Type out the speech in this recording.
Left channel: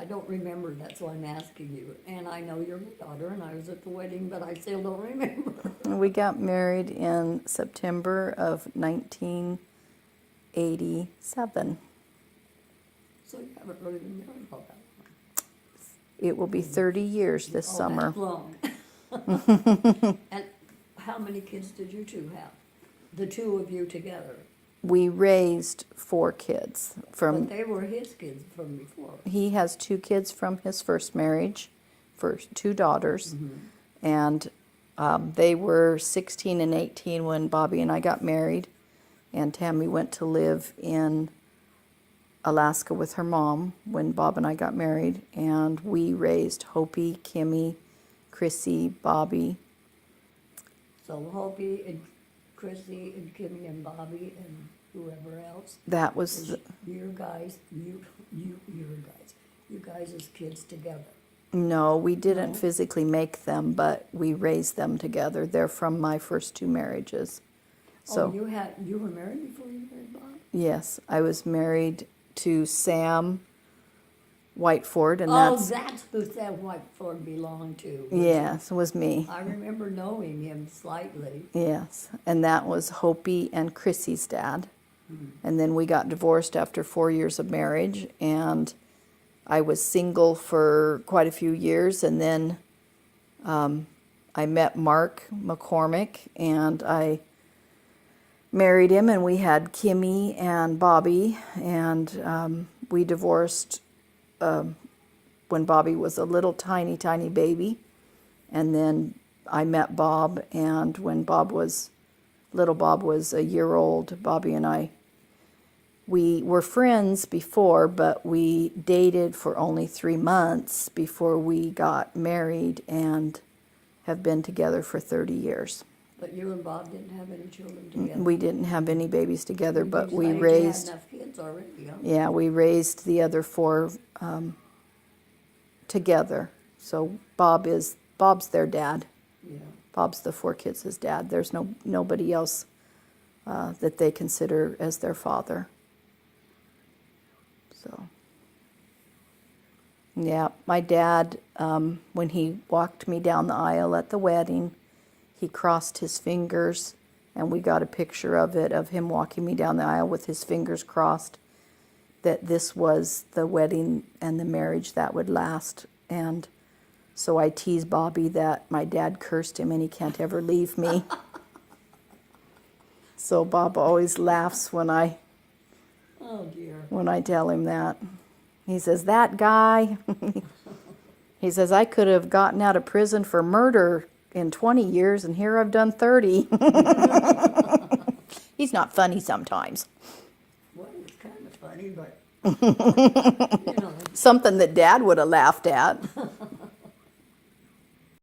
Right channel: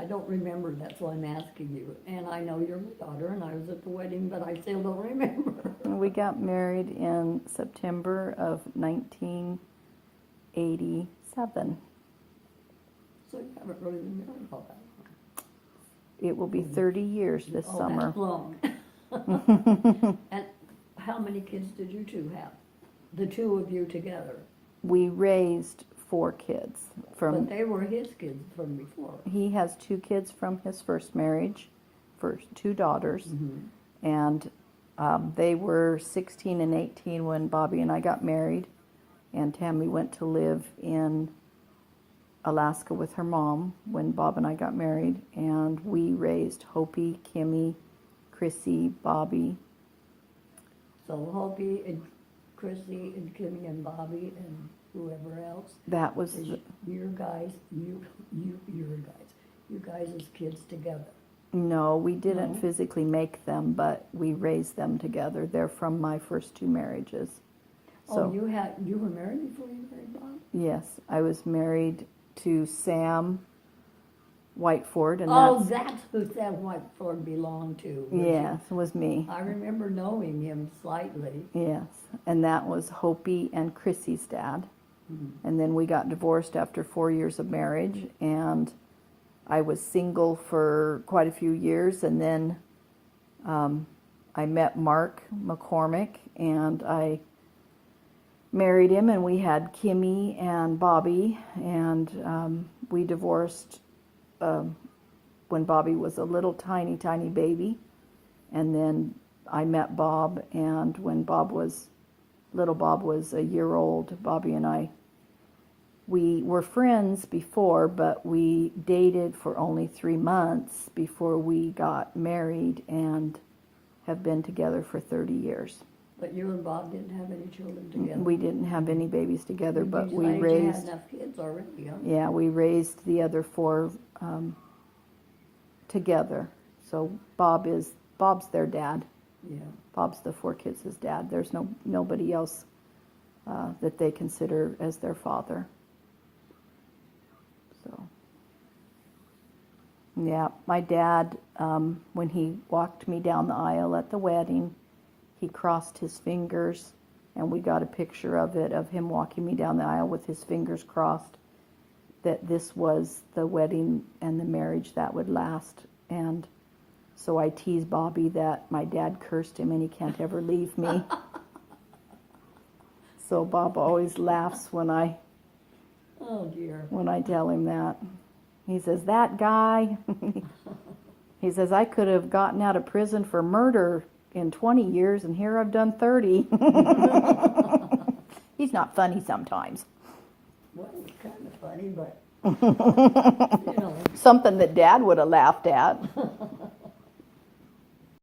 I don't remember, that's why I'm asking you. And I know you're my daughter, and I was at the wedding, but I still don't remember. We got married in September of 1987. So you haven't really been married all that long. It will be 30 years this Oh, summer. that's long. And how many kids did you two have? The two of you together? We raised 4 kids. But they were his kids from before. He has 2 kids from his first marriage, 2 daughters, and they were 16 and 18 when Bobby and I got married, and Tammy went to live in Alaska with her mom when Bob and I got married, and we raised Hopi, Kimmy, Chrissy, Bobby. So Hopi and Chrissy and Kimmy and Bobby and whoever else. That was Is your guys, you guys as kids together. no, we didn't No? physically make them, but we raised them together. They're from my first 2 marriages. So Oh, you were married before you married Bob? yes, I was married to Sam Whiteford, and Oh, that's that's who Sam Whiteford belonged to. yes, it was me. I remember knowing him slightly. Yes, and that was Hopi and Chrissy's dad. And then we got divorced after 4 years of marriage, and I was single for quite a few years, and then I met Mark McCormick, and I married him, and we had Kimmy and Bobby, and we divorced when Bobby was a little tiny baby, and then I met Bob, and when little Bob was a year old, Bobby and I, we were friends before, but we dated for only 3 months before we got married and have been together for 30 years. But you and Bob didn't have any children together. We didn't have any babies together, but You we had raised, enough kids already, huh? yeah, we raised the other 4 together. So Bob's their dad. Yeah. Bob's the 4 kids' dad. There's nobody else that they consider as their father. So, yeah, my dad, when he walked me down the aisle at the wedding, he crossed his fingers, and we got a picture of it, of him walking me down the aisle with his fingers crossed, that this was the wedding and the marriage that would last. And so I tease Bobby that my dad cursed him and he can't ever leave me. So Bob always laughs when I Oh, dear. tell him that. He says, that guy, he says, I could have gotten out of prison for murder in 20 years, and here I've done 30. He's not funny sometimes. Well, it's kind of funny, but, you know, Something that Dad would have laughed at.